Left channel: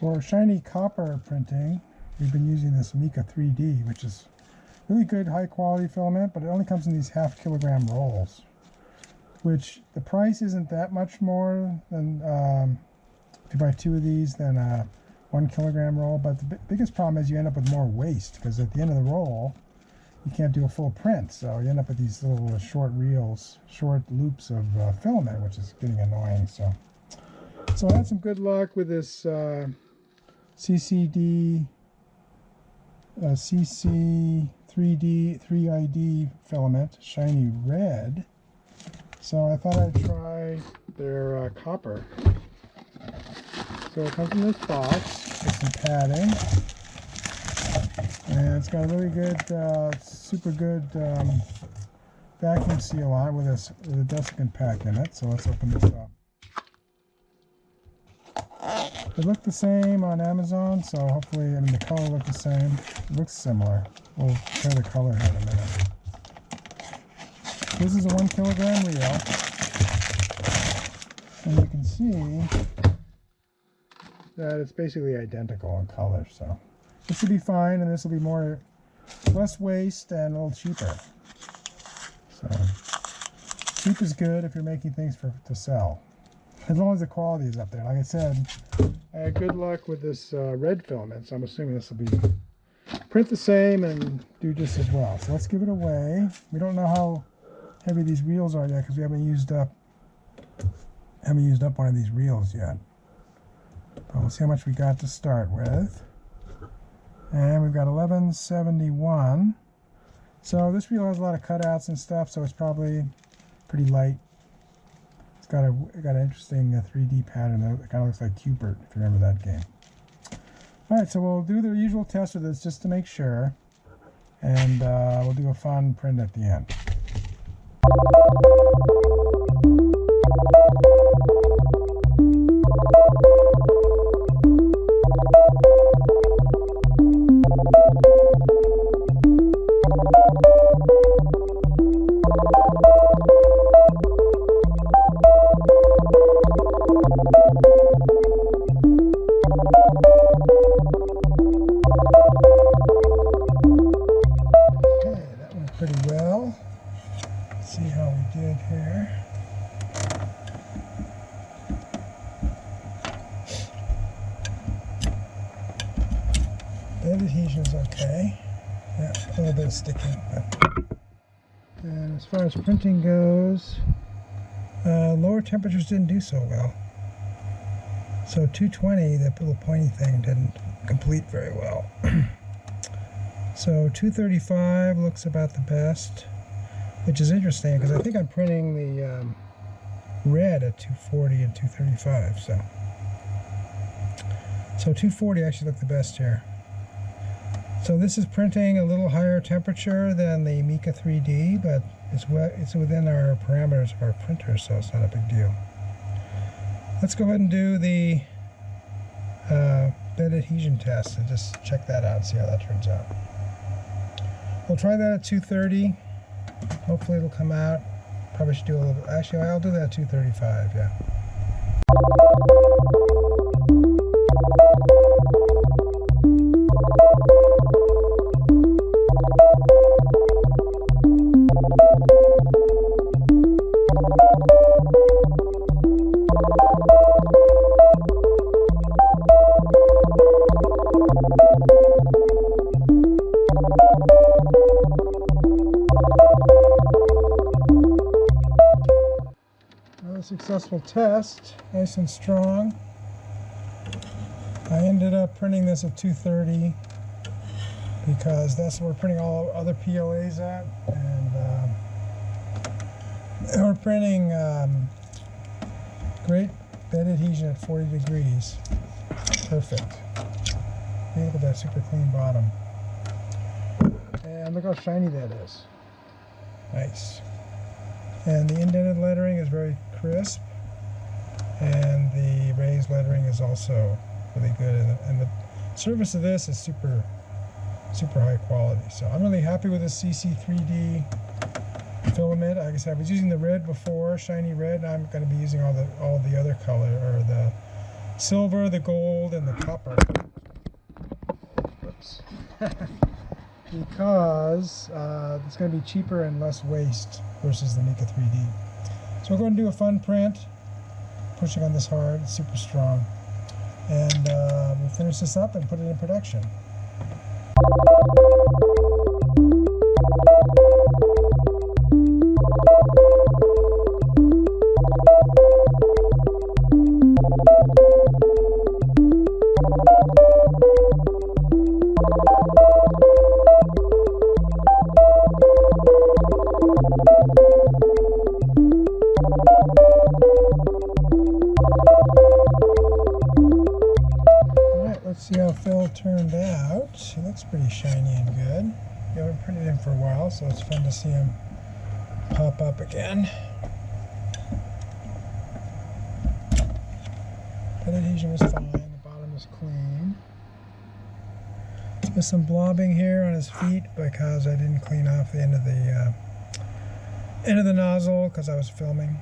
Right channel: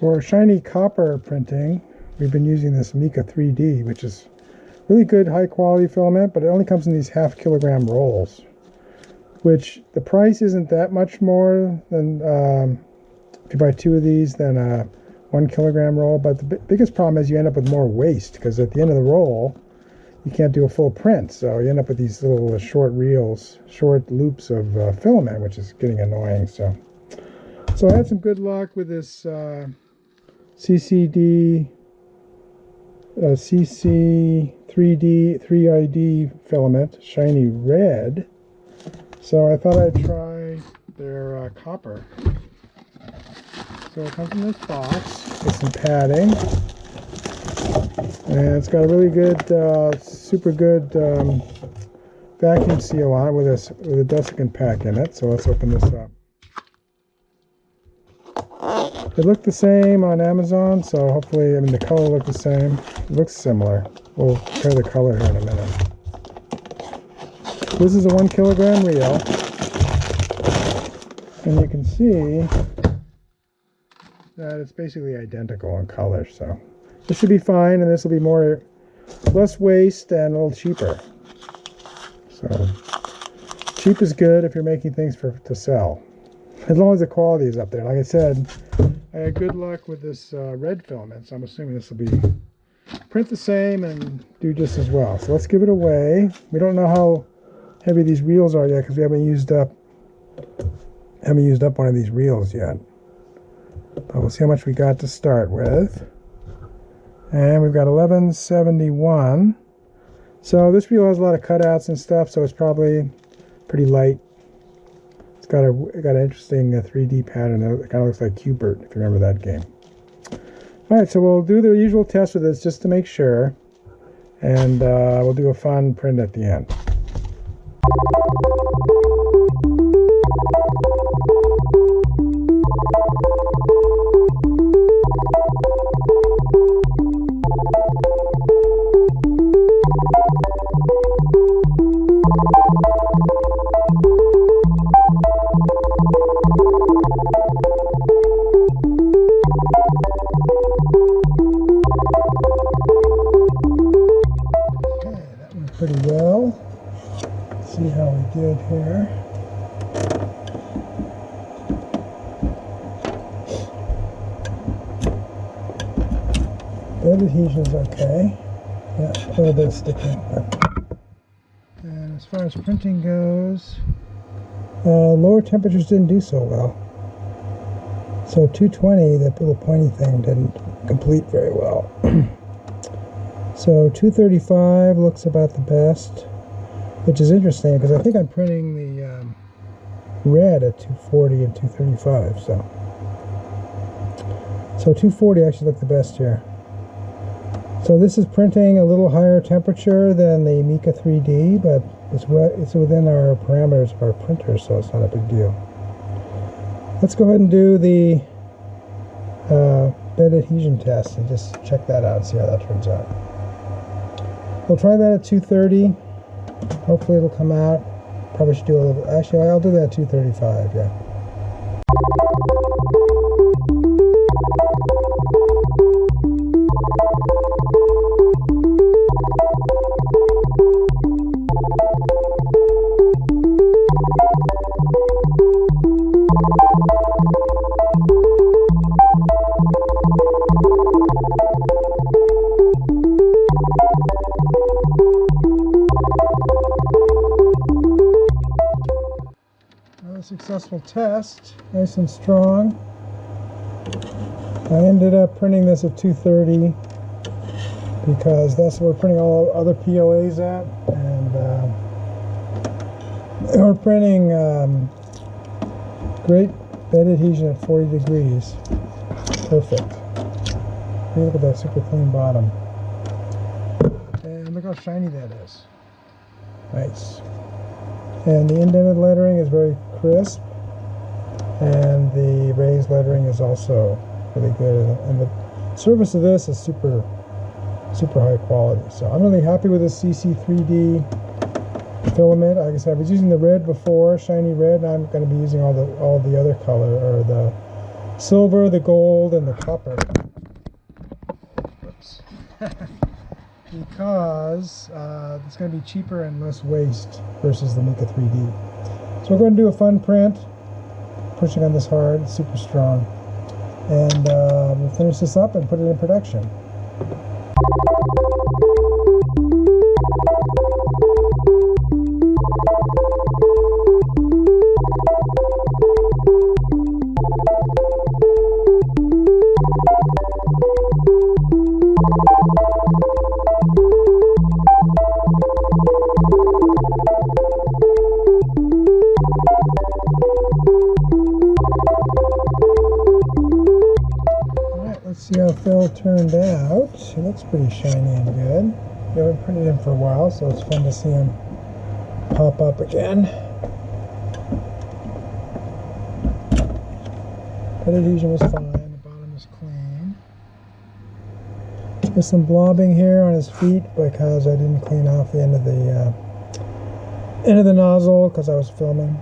For shiny copper printing, we've been using this Mika3D, which is really good high quality filament, but it only comes in these 1/2 kilogram rolls, which the price isn't that much more than if you buy 2 of these than a 1 kilogram roll. But the biggest problem is you end up with more waste, because at the end of the roll you can't do a full print, so you end up with these little short reels, short loops of filament, which is getting annoying. So I had some good luck with this CC3D filament, shiny red. So I thought I'd try their copper. So it comes in this box with some padding, and it's got a really good, super good vacuum seal on it with a desiccant pack in it. So let's open this up. It looked the same on Amazon, so hopefully, I mean, the color looked the same. It looks similar. We'll compare the color here in a minute. This is a 1 kilogram reel, and you can see that it's basically identical in color. So this should be fine, and this will be less waste and a little cheaper. So cheap is good if you're making things to sell, as long as the quality is up there. Like I said, I had good luck with this red filament, so I'm assuming this will print the same and do just as well. So let's give it away. We don't know how heavy these reels are yet, because we haven't used up one of these reels yet. But we'll see how much we got to start with. And we've got 1171. So this reel has a lot of cutouts and stuff, so it's probably pretty light. It's got an interesting 3D pattern. It kind of looks like Cubert, if you remember that game. Alright, so we'll do the usual test with this just to make sure. And we'll do a fun print at the end. Pretty well. Let's see how we did here. Bed adhesion is okay. Yeah, a little bit of sticking. And as far as printing goes, lower temperatures didn't do so well. So 220, that little pointy thing, didn't complete very well. So 235 looks about the best, which is interesting because I think I'm printing the red at 240 and 235. So 240 actually looked the best here. So this is printing a little higher temperature than the Mika3D, but it's within our parameters of our printer, so it's not a big deal. Let's go ahead and do the bed adhesion test and just check that out and see how that turns out. We'll try that at 230. Hopefully it'll come out. Probably should do a little, actually I'll do that at 235, yeah. Successful test, nice and strong. I ended up printing this at 230 because that's where we're printing all other PLAs at, and we're printing great bed adhesion at 40 degrees. Perfect. Hey, look at that super clean bottom. And look how shiny that is. Nice. And the indented lettering is very crisp, and the raised lettering is also really good, and the surface of this is super high quality. So I'm really happy with the CC3D filament. Like I said, I was using the red before, shiny red, and I'm going to be using all the other color, or the silver, the gold, and the copper. Whoops. Because it's going to be cheaper and less waste versus the Mika3D. So we're going to do a fun print, pushing on this hard, it's super strong. And we'll finish this up and put it in production. Let's see how Phil turned out. He looks pretty shiny and good. We haven't printed him for a while, so it's fun to see him pop up again. Head adhesion was fine. The bottom is clean. There's some blobbing here on his feet because I didn't clean off the end of the nozzle because I was filming,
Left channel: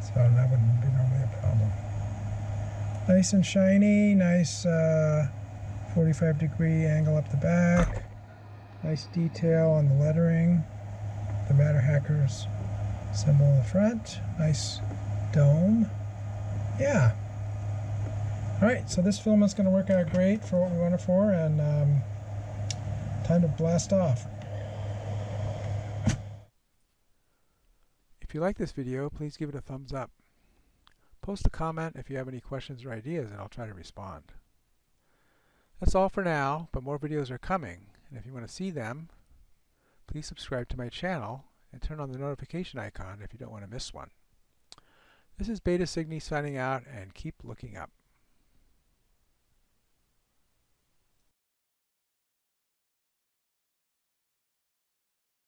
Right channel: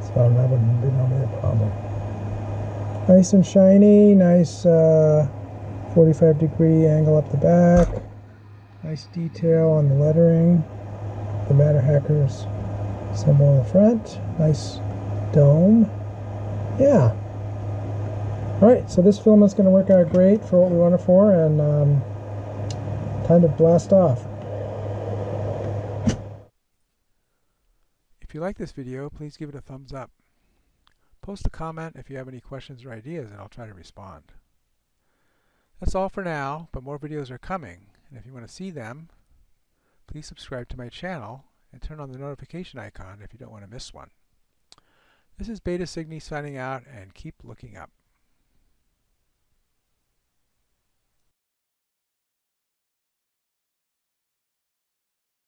so that wouldn't be normally a problem. Nice and shiny, nice 45-degree angle up the back, nice detail on the lettering, the Matter Hackers symbol in the front, nice dome. Yeah. Alright, so this filament's going to work out great for what we want it for, and time to blast off. If you like this video, please give it a thumbs up. Post a comment if you have any questions or ideas, and I'll try to respond. That's all for now, but more videos are coming, and if you want to see them, please subscribe to my channel and turn on the notification icon if you don't want to miss one. This is Beta Cygni signing out, and keep looking up.